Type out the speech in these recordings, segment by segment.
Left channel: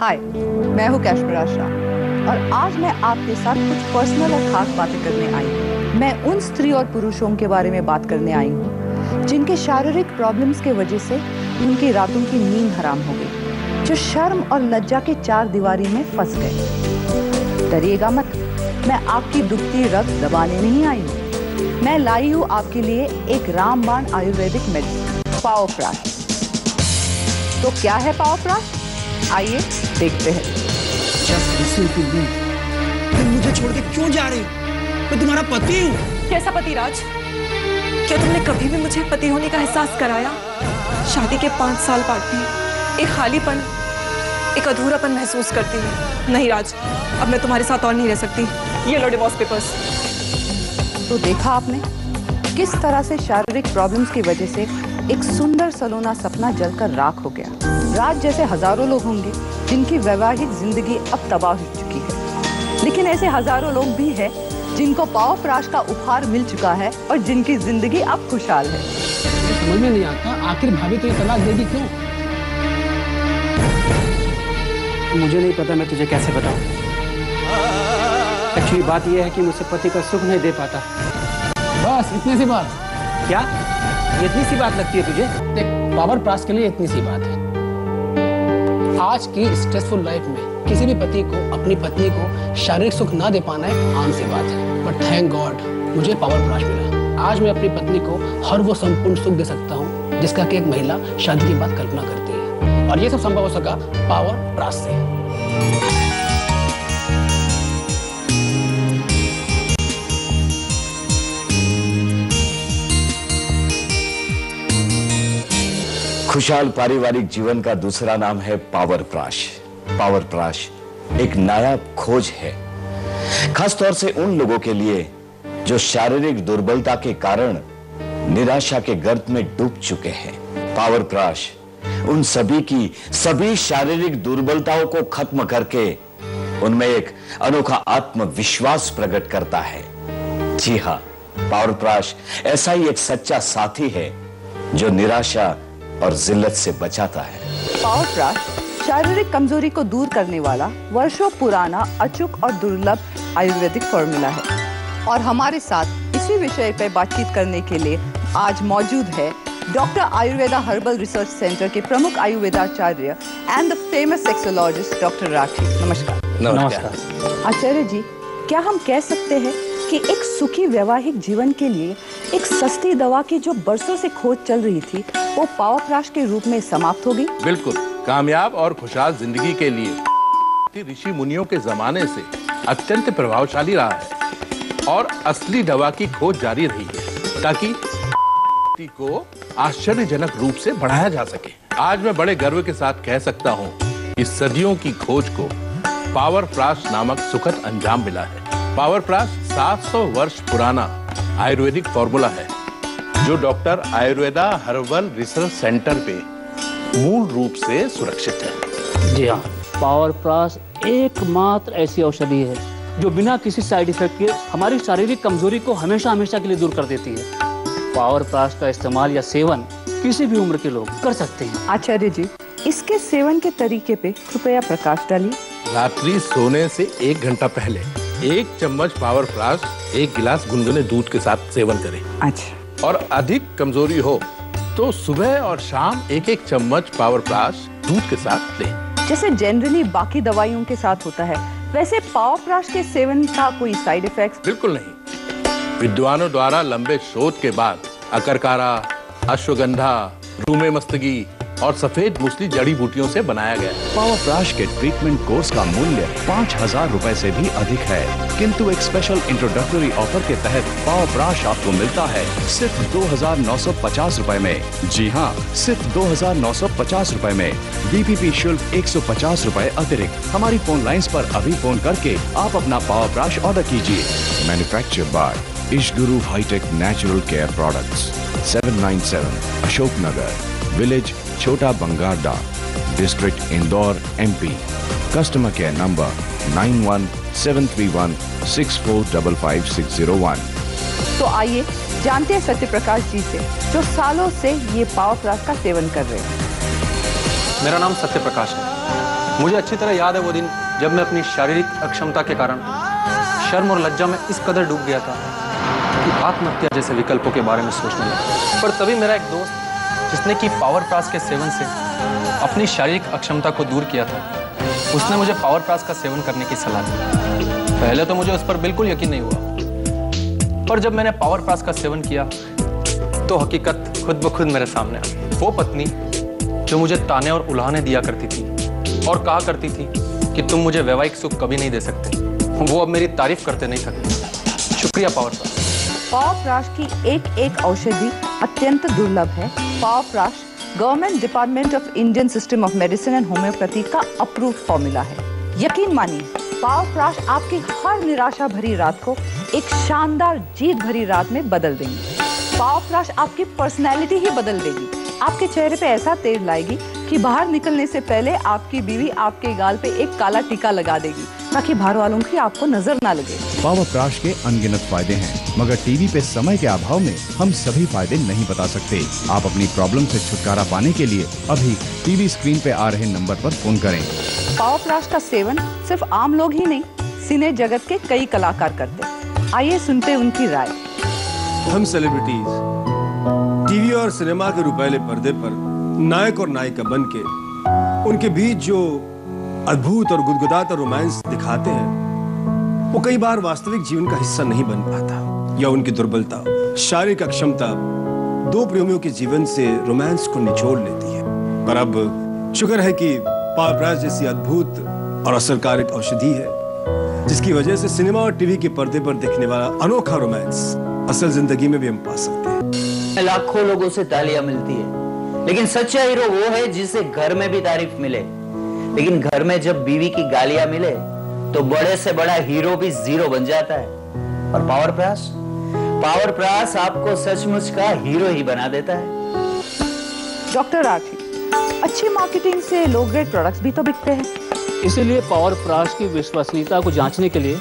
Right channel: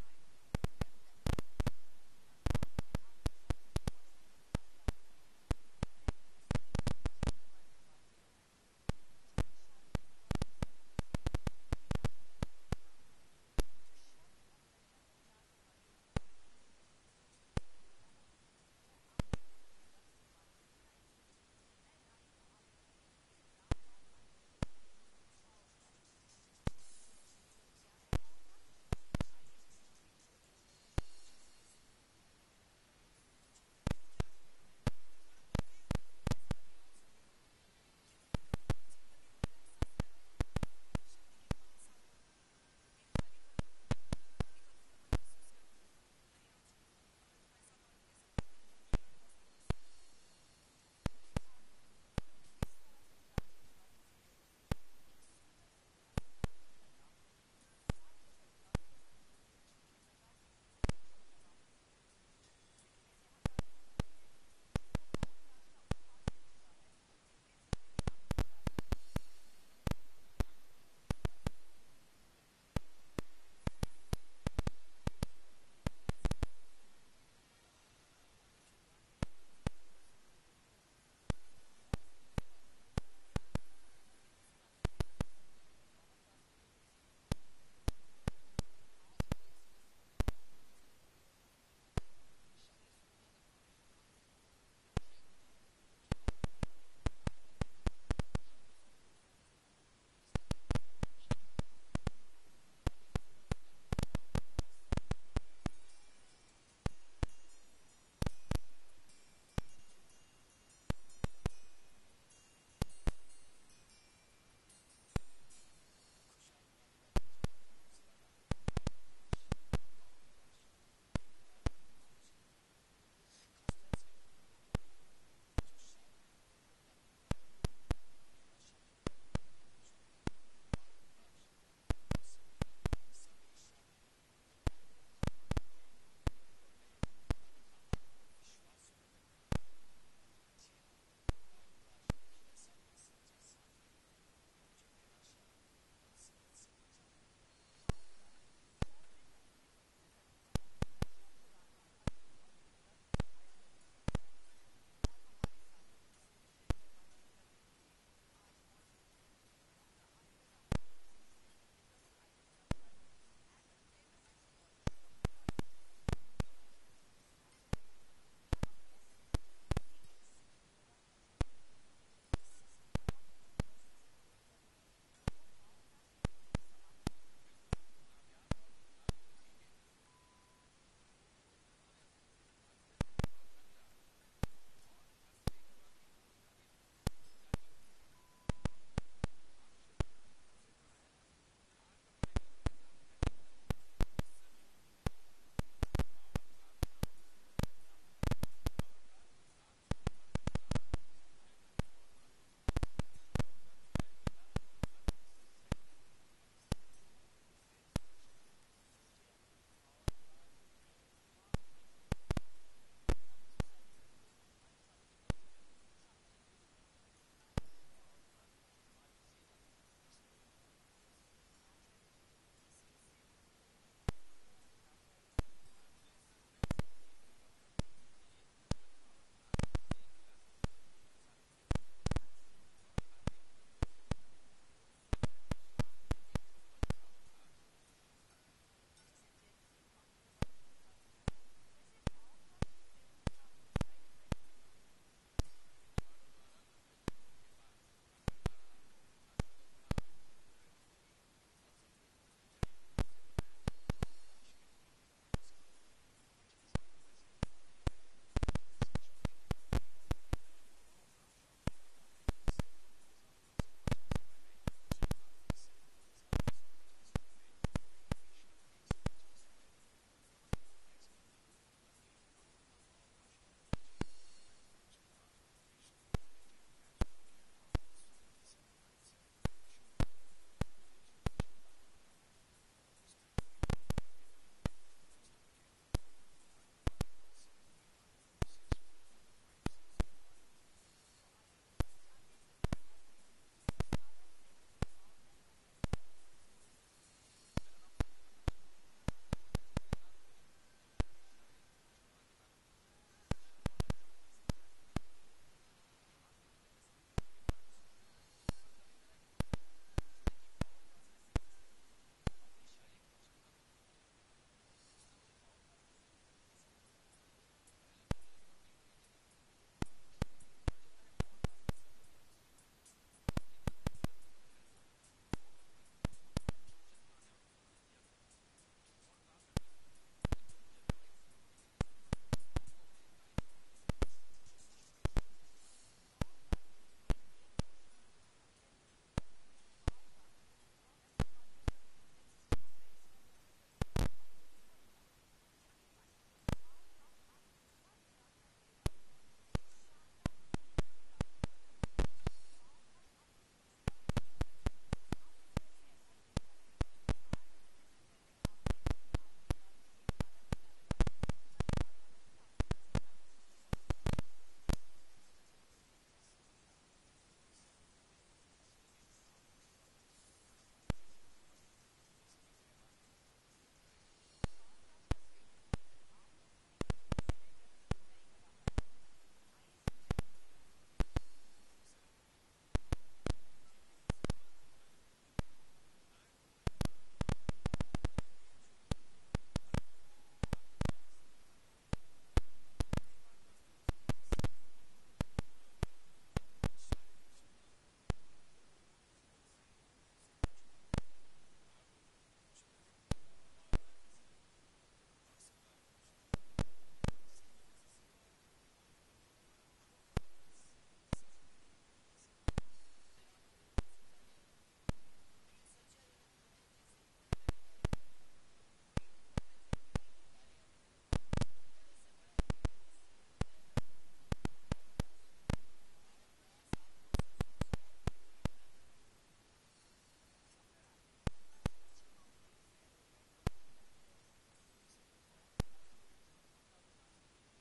हाय, मैं हूँ कैशपराज शाह और आज मैं आपके साथ कुछ पर्सनल और खास बातें करने आई हूँ। मैं उन स्त्री और पुरुषों के बारे में बात करने आई हूँ जिनके शारीरिक प्रॉब्लम्स के वजह से उनकी रातों की नींद हराम हो गई, जो शर्म और लज्जा के चार दीवारी में फंस गए। डरिएगा मत, मैं आपकी दुखती रग दबाने नहीं आई हूँ। मैं लाई हूँ आपके लिए एक रामबाण आयुर्वेदिक मेडिसिन, पावरप्राश। तो क्या है पावरप्राश? आइए देखते हैं। तुम मुझे छोड़ के क्यों जा रही हो? मैं तुम्हारा पति हूँ। कैसा पति राज? क्या तुमने कभी भी मुझे पति होने का एहसास कराया? शादी के 5 साल बाद भी एक खालीपन, एक अधूरापन महसूस करती हूँ। नहीं राज, अब मैं तुम्हारे साथ और नहीं रह सकती। ये लो डिवोर्स पेपर्स। तो देखा आपने किस तरह से शारीरिक प्रॉब्लम्स की वजह से एक सुंदर सलोना सपना जलकर राख हो गया। राज जैसे हजारों लोग होंगे जिनकी वैवाहिक जिंदगी अब तबाह हो चुकी है, लेकिन ऐसे हजारों लोग भी हैं जिनको पावरप्राश का उपहार मिल चुका है और जिनकी जिंदगी अब खुशहाल है। समझ में नहीं आता आखिर भाभी तो ये तलाक देगी क्यों? मुझे नहीं पता, मैं तुझे कैसे बताऊं। एक्चुअली बात यह है कि मुझसे पति का सुख नहीं दे पाता। बस इतनी सी बात? क्या इतनी सी बात लगती है तुझे? देख, पावरप्राश के लिए इतनी सी बात है। आज की स्ट्रेसफुल लाइफ में किसी भी पति को अपनी पत्नी को शारीरिक सुख ना दे पाना एक आम सी बात है, बट थैंक गॉड मुझे पावरप्राश मिला। आज मैं अपनी पत्नी को हर वो संपूर्ण सुख दे सकता हूँ जिसका कि एक महिला शादी के बाद कल्पना करती है, और ये सब संभव हो सका पावरप्राश से। खुशहाल पारिवारिक जीवन का दूसरा नाम है पावरप्राश। पावरप्राश एक नायाब खोज है, खासतौर से उन लोगों के लिए जो शारीरिक दुर्बलता के कारण निराशा के गर्त में डूब चुके हैं। पावरप्राश उन सभी की सभी शारीरिक दुर्बलताओं को खत्म करके उनमें एक अनोखा आत्मविश्वास प्रकट करता है। जी हाँ, पावरप्राश ऐसा ही एक सच्चा साथी है जो निराशा और जिल्लत से बचाता है। पावरप्राश शारीरिक कमजोरी को दूर करने वाला वर्षों पुराना अचूक और दुर्लभ आयुर्वेदिक फॉर्मूला है। और हमारे साथ इसी विषय पर बातचीत करने के लिए आज मौजूद है doctor Ayurveda herbal research centre के प्रमुख आयुर्वेदाचार्य and the famous sexologist doctor Rathi. नमस्कार। नमस्कार आचार्य जी, क्या हम कह सकते हैं कि एक सुखी वैवाहिक जीवन के लिए एक सस्ती दवा की जो बरसों से खोज चल रही थी वो पावरप्राश के रूप में समाप्त हो गई? बिल्कुल, कामयाब और खुशहाल जिंदगी के लिए ऋषि मुनियों के जमाने से अत्यंत प्रभावशाली रहा है और असली दवा की खोज जारी रही है ताकि को आश्चर्यजनक रूप से बढ़ाया जा सके। आज मैं बड़े गर्व के साथ कह सकता हूँ कि सदियों की खोज को पावरप्राश नामक सुखद अंजाम मिला है। पावरप्राश 700 वर्ष पुराना आयुर्वेदिक फॉर्मूला है जो doctor Ayurveda herbal research centre पे मूल रूप से सुरक्षित है। जी हाँ, पावरप्राश एकमात्र ऐसी औषधि है जो बिना किसी साइड इफेक्ट के हमारी शारीरिक कमजोरी को हमेशा हमेशा के लिए दूर कर देती है। पावरप्राश का इस्तेमाल या सेवन किसी भी उम्र के लोग कर सकते हैं। आचार्य जी, इसके सेवन के तरीके पे कृपया प्रकाश डालिए। रात्रि सोने से 1 घंटा पहले 1 चम्मच पावरप्राश 1 गिलास गुनगुने दूध के साथ सेवन करें। अच्छा। और अधिक कमजोरी हो तो सुबह और शाम 1-1 चम्मच पावरप्राश दूध के साथ लें। जैसे जनरली बाकी दवाइयों के साथ होता है, वैसे पावरप्राश के सेवन का कोई साइड इफेक्ट? बिल्कुल नहीं। विद्वानों द्वारा लंबे शोध के बाद अकरकारा, अश्वगंधा, रूमे मस्तगी और सफेद मूसली जड़ी बूटियों से बनाया गया है। पावरप्राश के ट्रीटमेंट कोर्स का मूल्य 5,000 रुपए से भी अधिक है, किंतु एक स्पेशल इंट्रोडक्टरी ऑफर के तहत पावरप्राश आपको मिलता है सिर्फ 2,950 रुपए में। जी हाँ, सिर्फ 2,950 रुपए में। बीपीपी शुल्क 150 रुपए अतिरिक्त। हमारी फोन लाइंस पर अभी फोन करके आप अपना पावरप्राश ऑर्डर कीजिए। Manufactured by Ishguru hitech natural care products, 797 Ashok Nagar, village Chhota Bangarda, district Indore, MP। Customer care number 917316455601। तो आइए जानते हैं सत्यप्रकाश जी से, जो सालों से ये पावरप्राश का सेवन कर रहे हैं। मेरा नाम सत्यप्रकाश है। मुझे अच्छी तरह याद है वो दिन जब मैं अपनी शारीरिक अक्षमता के कारण शर्म और लज्जा में इस कदर डूब गया था कि आत्महत्या जैसे विकल्पों के बारे में सोचने लगा। पर तभी मेरा एक दोस्त, जिसने कि पावर प्रास के सेवन से अपनी शारीरिक अक्षमता को दूर किया था, उसने मुझे पावर प्रास का सेवन करने की सलाह दी। पहले तो मुझे उस पर बिल्कुल यकीन नहीं हुआ, पर जब मैंने पावर प्रास का सेवन किया तो हकीकत खुद ब खुद मेरे सामने आई। वो पत्नी जो मुझे ताने और उल्हाने दिया करती थी और कहा करती थी कि तुम मुझे वैवाहिक सुख कभी नहीं दे सकते, वो अब मेरी तारीफ करते नहीं थकती। शुक्रिया पावर प्राश। पावर प्राश की एक एक औषधि अत्यंत दुर्लभ है। Power Prash government department of Indian system of medicine and homeopathy का अप्रूव्ड फॉर्मूला है। यकीन मानिए, पावर प्राश आपकी हर निराशा भरी रात को एक शानदार जीत भरी रात में बदल देंगे। पावर प्राश आपकी पर्सनैलिटी ही बदल देगी। आपके चेहरे पे ऐसा तेज लाएगी कि बाहर निकलने से पहले आपकी बीवी आपके गाल पे एक काला टीका लगा देगी ताकि बाहर वालों की आपको नजर ना लगे। पावर प्राश के अनगिनत फायदे हैं, मगर टीवी पे समय के अभाव में हम सभी फायदे नहीं बता सकते। आप अपनी प्रॉब्लम से छुटकारा पाने के लिए अभी टीवी स्क्रीन पे आ रहे नंबर पर फोन करें। पावर प्राश का सेवन सिर्फ आम लोग ही नहीं, सिने जगत के कई कलाकार करते। आइए सुनते उनकी राय। हम सेलिब्रिटीज टीवी और सिनेमा के रुपैले पर्दे पर नायक और नायिका बनके उनके बीच जो अद्भुत और गुदगुदाता रोमांस दिखाते हैं, वो कई बार वास्तविक जीवन का हिस्सा नहीं बन पाता, या उनकी दुर्बलता, शारीरिक अक्षमता दो प्रेमियों के जीवन से रोमांस को निचोड़ लेती है। पर अब शुक्र है कि पावर प्राश जैसी अद्भुत और असरकारक औषधि है, जिसकी वजह से सिनेमा और टीवी के पर्दे पर देखने वाला अनोखा रोमांस असल जिंदगी में भी हम पा सकते हैं। लाखों लोगों से तालियां मिलती है, लेकिन सच्चा हीरो वो है जिसे घर में भी तारीफ मिले, लेकिन घर में जब बीवी की गालियां मिले तो बड़े से बड़ा हीरो भी जीरो बन जाता है। और पावर प्राश आपको सचमुच का हीरो ही बना देता है। डॉक्टर राठी, अच्छी मार्केटिंग से लो ग्रेड प्रोडक्ट्स भी तो बिकते हैं। इसीलिए पावर प्राश की विश्वसनीयता को जांचने के लिए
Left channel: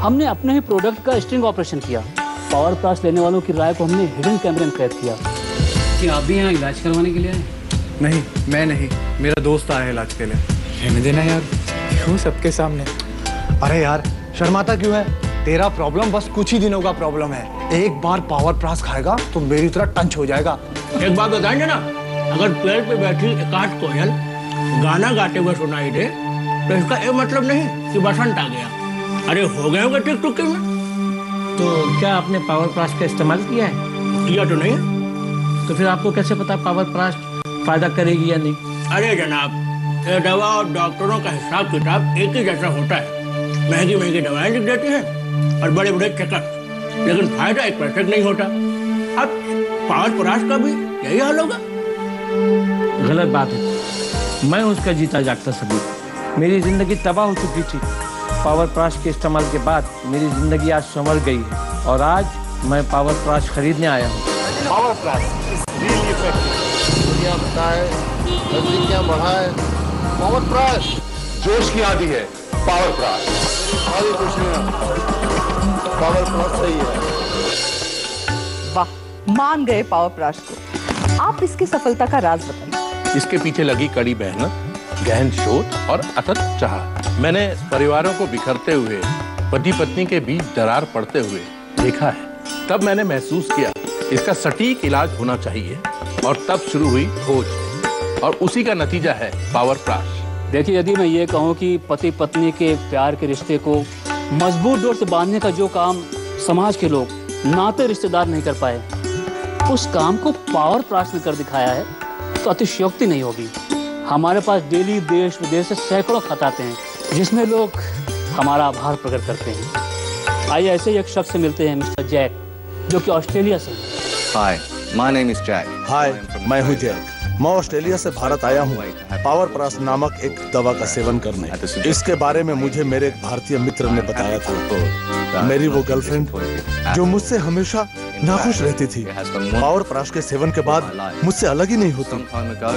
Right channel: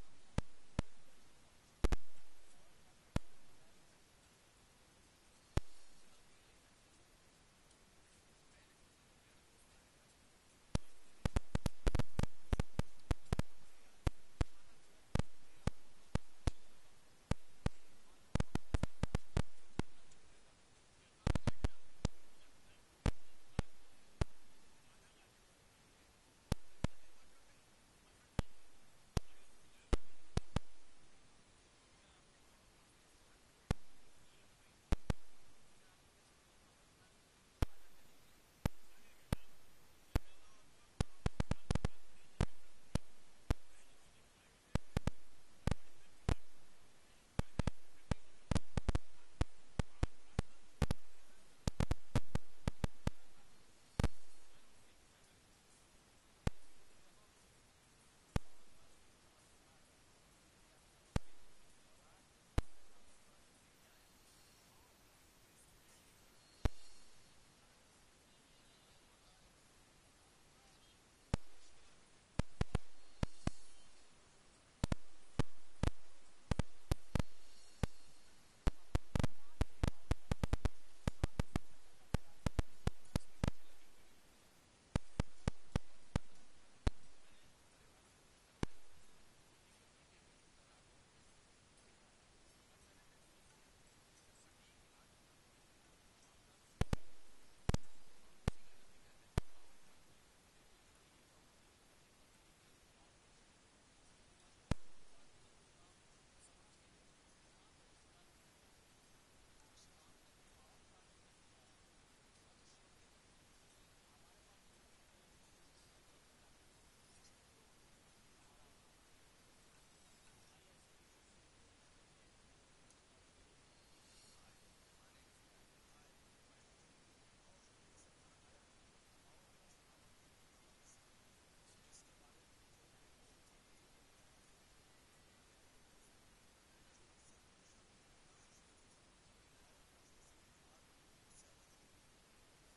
हमने अपने ही प्रोडक्ट का स्ट्रिंग ऑपरेशन किया। पावर प्राश लेने वालों की राय को हमने हिडन कैमरे में कैद किया। क्या आप भी यहाँ इलाज करवाने के लिए आए? नहीं, मैं नहीं, मेरा दोस्त आया है इलाज के लिए। रहने देना यार, क्यों सबके सामने? अरे यार, शर्माता क्यों है? तेरा प्रॉब्लम बस कुछ ही दिनों का प्रॉब्लम है। एक बार पावर प्राश खाएगा तो मेरी तरह टंच हो जाएगा। एक बात बताएंगे ना, अगर पेड़ पे बैठी एकाध कोयल गाना गाते हुए सुनाई दे तो इसका ये मतलब नहीं कि बसंत आ गया। अरे हो गए होगा टिक टुक में। तो क्या आपने पावर प्राश का इस्तेमाल किया है? किया तो नहीं है, तो फिर आपको कैसे पता पावर प्राश फायदा करेगी या नहीं? अरे जनाब, ये दवा और डॉक्टरों का हिसाब किताब एक ही जैसा होता है। महंगी महंगी दवाएं लिख देते हैं और बड़े बड़े चेकअप, लेकिन फायदा एक परसेंट नहीं होता। अब पावर प्राश का भी यही हाल होगा? गलत बात है। मैं उसका जीता जागता सबूत। मेरी जिंदगी तबाह हो चुकी थी। पावर प्राश के इस्तेमाल के बाद मेरी जिंदगी आज संवर गई है और आज मैं पावर प्राश खरीदने आया हूँ। Power Prash really effective. दुनिया बताए, नजदीकियां बढ़ाए। पावर प्राश जोश की आदि है। पावर प्राश सारी खुशियां पावर प्राश सही है। वाह, मान गए पावर प्राश को। आप इसकी सफलता का राज बताइए। इसके पीछे लगी कड़ी मेहनत, गहन शोध और अथक चाह। मैंने परिवारों को बिखरते हुए, पति पत्नी के बीच दरार पड़ते हुए देखा है। तब मैंने महसूस किया इसका सटीक इलाज होना चाहिए और तब शुरू हुई खोज, और उसी का नतीजा है पावर प्राश। देखिए, यदि मैं ये कहूँ कि पति पत्नी के प्यार के रिश्ते को मजबूत डोर से बांधने का जो काम समाज के लोग, नाते रिश्तेदार नहीं कर पाए, उस काम को पावर प्राश ने कर दिखाया है तो अतिशयोक्ति नहीं होगी। हमारे पास डेली देश विदेश से सैकड़ों खत आते हैं जिसमें लोग हमारा आभार प्रकट करते हैं। आइए ऐसे ही एक शख्स से मिलते हैं, मिस्टर जैक, जो कि ऑस्ट्रेलिया से हैं। हाय, माय नेम इज जैक। हाय, मैं हूँ जैक। मैं ऑस्ट्रेलिया से भारत आया हूँ पावर प्राश नामक एक दवा का सेवन करने। इसके बारे में मुझे मेरे एक भारतीय मित्र ने बताया था। मेरी वो गर्लफ्रेंड जो मुझसे हमेशा नाखुश रहती थी, पावर प्राश के सेवन के बाद मुझसे अलग ही नहीं होती।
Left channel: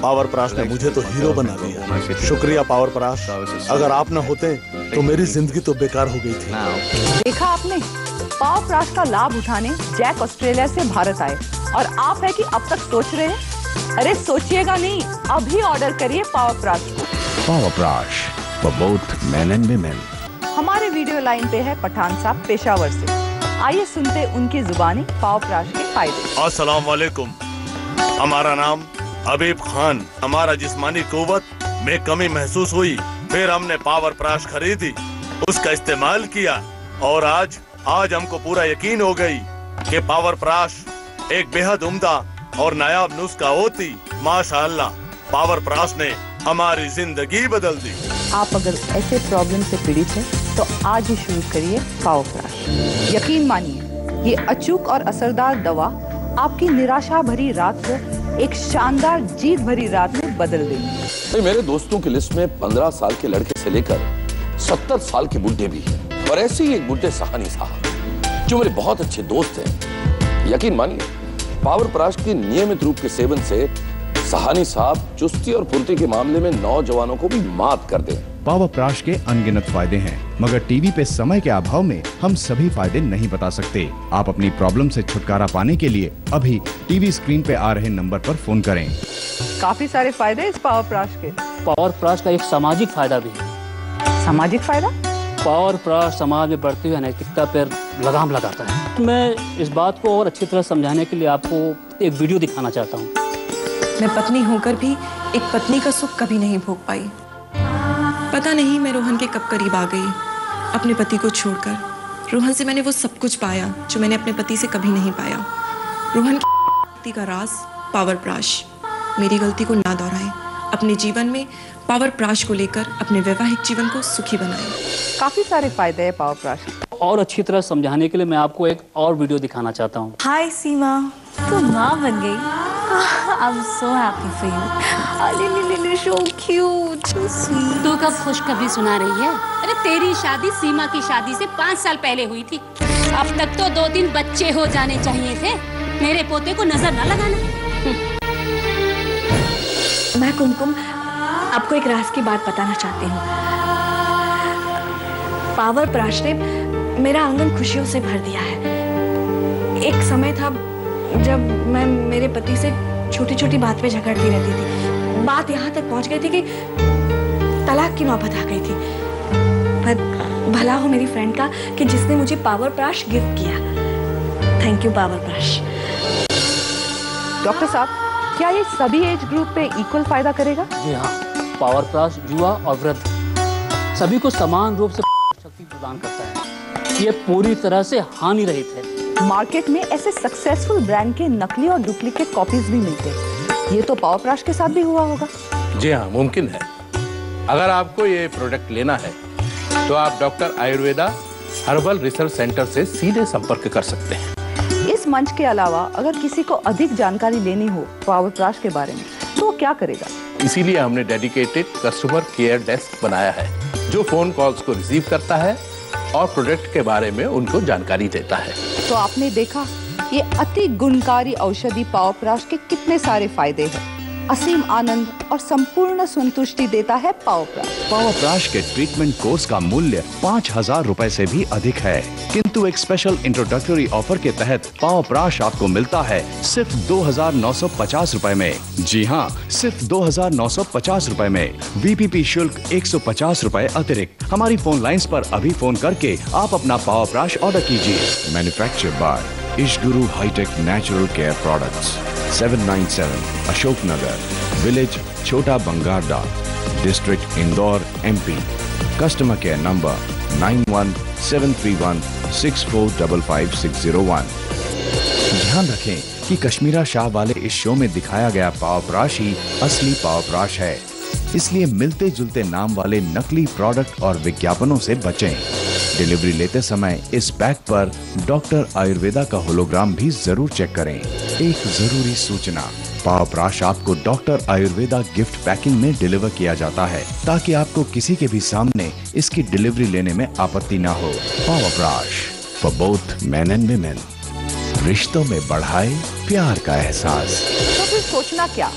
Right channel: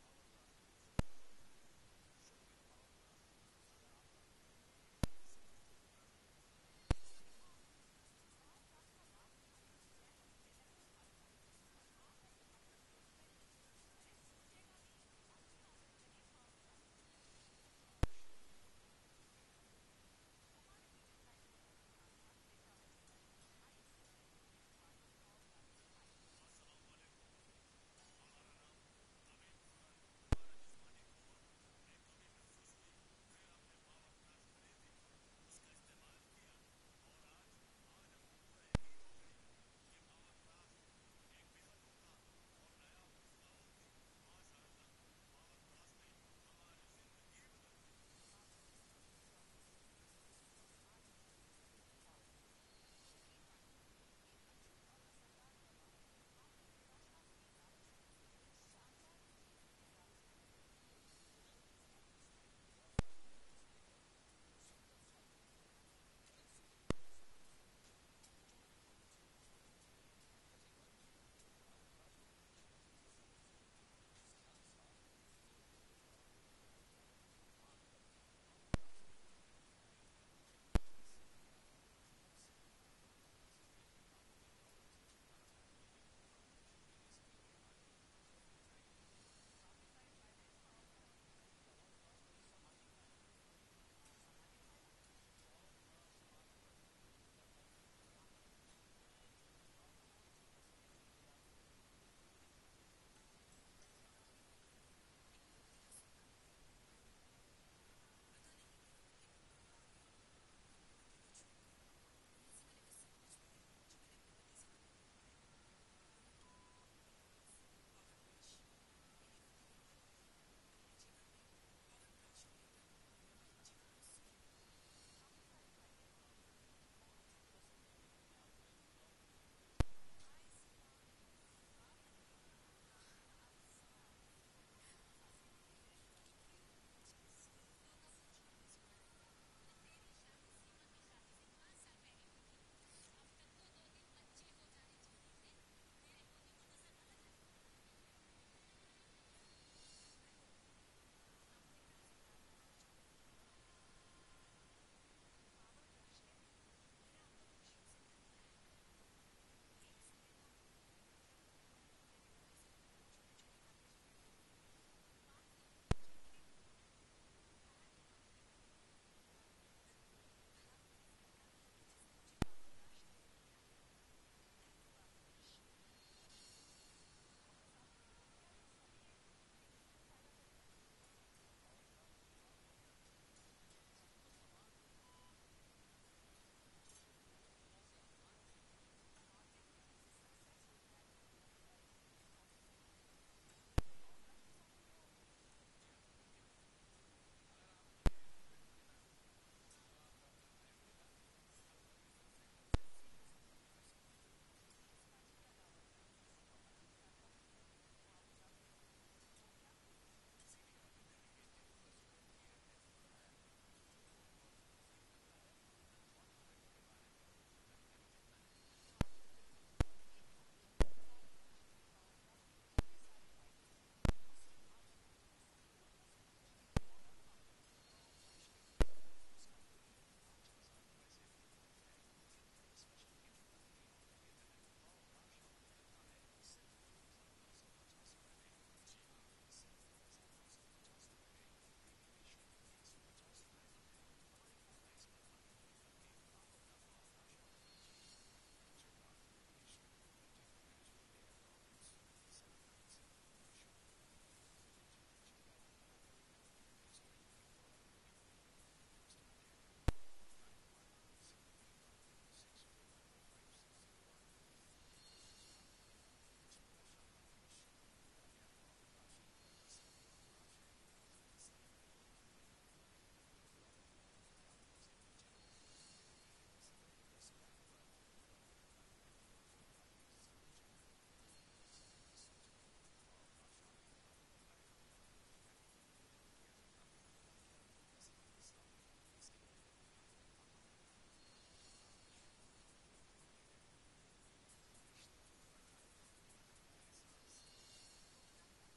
पावर प्राश ने मुझे तो हीरो बना दिया। शुक्रिया पावर प्राश, अगर आप न होते तो मेरी जिंदगी तो बेकार हो गई थी। देखा आपने, पावर प्राश का लाभ उठाने जैक ऑस्ट्रेलिया से भारत आए, और आप है कि अब तक सोच रहे हैं? अरे सोचिएगा नहीं, अभी ऑर्डर करिए पावर प्राश को। Power brush for both men and women. हमारे वीडियो लाइन पे है पठान साहब पेशावर से। आइए सुनते उनकी जुबानी पावर ब्रश के फायदे। अस्सलाम वालेकुम। हमारा नाम हबीब खान। हमारा जिस्मानी कुव्वत में कमी महसूस हुई, फिर हमने पावर ब्रश खरीदी, उसका इस्तेमाल किया और आज हमको पूरा यकीन हो गई कि पावर ब्रश एक बेहद उम्दा और नायाब नुस्खा होती। माशाअल्लाह, पावर ब्रश ने हमारी जिंदगी बदल दी। आप अगर ऐसे प्रॉब्लम से पीड़ित हैं तो आज ही शुरू करिए पावर ब्रश। यकीन मानिए, ये अचूक और असरदार दवा आपकी निराशा भरी रात को एक शानदार जीत भरी रात में बदल देगी। मेरे दोस्तों की लिस्ट में 15 साल के लड़के से लेकर 70 साल के बुड्ढे भी हैं, और ऐसे ही एक बुड्ढे सहानी साहब जो मेरे बहुत अच्छे दोस्त हैं। यकीन मानिए, पावर ब्रश के नियमित रूप के सेवन से सहानी साहब चुस्ती और फुर्ती के मामले में नौजवानों को भी मात कर दें। पावर ब्रश के अनगिनत फायदे हैं, मगर टीवी पे समय के अभाव में हम सभी फायदे नहीं बता सकते। आप अपनी प्रॉब्लम से छुटकारा पाने के लिए अभी टीवी स्क्रीन पे आ रहे नंबर पर फोन करें। काफी सारे फायदे इस पावर ब्रश के। पावर ब्रश का एक सामाजिक फायदा भी है। सामाजिक फायदा? पावर ब्रश समाज में बढ़ती हुई अनैतिकता पर लगाम लगाता है। मैं इस बात को और अच्छी तरह समझाने के लिए आपको एक वीडियो दिखाना चाहता हूँ। मैं पत्नी होकर भी एक पत्नी का सुख कभी नहीं भोग पाई। पता नहीं मैं रोहन के कब करीब आ गई अपने पति को छोड़कर। रोहन से मैंने वो सब कुछ पाया जो मैंने अपने पति से कभी नहीं पाया। रोहन की का राज पावर ब्रश। मेरी गलती को ना दोहराएं, अपने जीवन में पावर ब्रश को लेकर अपने वैवाहिक जीवन को सुखी बनाएं। काफी सारे फायदे हैं पावर ब्रश। और अच्छी तरह समझाने के लिए मैं आपको एक और वीडियो दिखाना चाहता हूँ। हाय सीमा, तू माँ बन गई। I'm so happy for you. So cute, so sweet. तू कब खुशखबरी सुना रही है? अरे तेरी शादी सीमा की शादी से 5 साल पहले हुई थी। अब तक तो 2-3 बच्चे हो जाने चाहिए थे। मेरे पोते को नजर न लगाना। मैं कुमकुम आपको एक राज की बात बताना चाहती हूँ। पावर ब्रश ने मेरा आंगन खुशियों से भर दिया है। एक समय था जब मैं मेरे पति से छोटी छोटी बात पे झगड़ती रहती थी। बात यहाँ तक पहुँच गई थी कि तलाक की नौबत आ गई थी। पर भला हो मेरी फ्रेंड का कि जिसने मुझे पावर ब्रश गिफ्ट किया। Thank you power brush. Doctor साहब, क्या ये सभी एज ग्रुप पे इक्वल फायदा करेगा? जी हाँ, पावर ब्रश युवा और वृद्ध सभी को समान रूप से शक्ति प्रदान करता है। ये पूरी तरह से हानि रहित है। मार्केट में ऐसे सक्सेसफुल ब्रांड के नकली और डुप्लीकेट कॉपीज भी मिलते हैं। ये तो पावर ब्रश के साथ भी हुआ होगा। जी हाँ, मुमकिन है। अगर आपको ये प्रोडक्ट लेना है तो आप doctor Ayurveda herbal research centre से सीधे संपर्क कर सकते हैं। इस मंच के अलावा अगर किसी को अधिक जानकारी लेनी हो पावर ब्रश के बारे में तो वो क्या करेगा? इसीलिए हमने डेडिकेटेड कस्टमर केयर डेस्क बनाया है जो फोन कॉल्स को रिसीव करता है और प्रोडक्ट के बारे में उनको जानकारी देता है। तो आपने देखा ये अति गुणकारी औषधि पावर ब्रश के कितने सारे फायदे हैं। असीम आनंद और संपूर्ण संतुष्टि देता है पावर ब्रश। पावर ब्रश के ट्रीटमेंट कोर्स का मूल्य 5,000 रुपए से भी अधिक है, किंतु एक स्पेशल इंट्रोडक्टरी ऑफर के तहत पावर ब्रश आपको मिलता है सिर्फ 2,950 रुपए में। जी हाँ, सिर्फ 2,950 रुपए में। VPP शुल्क 150 रुपए अतिरिक्त। हमारी फोन लाइंस पर अभी फोन करके आप अपना पावर ब्रश ऑर्डर कीजिए। Manufactured by Ishguru hitech natural care products, 797 Ashok Nagar, village Chhota Bangarda, district Indore, MP। Customer care number 917316455601। ध्यान रखें कि कश्मीरा शाह वाले इस शो में दिखाया गया पावर ब्रश ही असली पावर ब्रश है, इसलिए मिलते जुलते नाम वाले नकली प्रोडक्ट और विज्ञापनों से बचें। डिलीवरी लेते समय इस बैग पर डॉक्टर आयुर्वेदा का होलोग्राम भी जरूर चेक करें। एक जरूरी सूचना, पावर ब्रश आपको डॉक्टर आयुर्वेदा गिफ्ट पैकिंग में डिलीवर किया जाता है ताकि आपको किसी के भी सामने इसकी डिलीवरी लेने में आपत्ति ना हो। Power brush for both men and women. रिश्तों में बढ़ाए प्यार का एहसास। तो फिर सोचना क्या,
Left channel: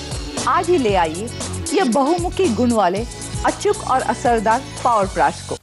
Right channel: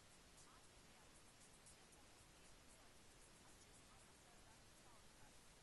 आज ही ले आइए ये बहुमुखी गुण वाले अचूक और असरदार पावर ब्रश को।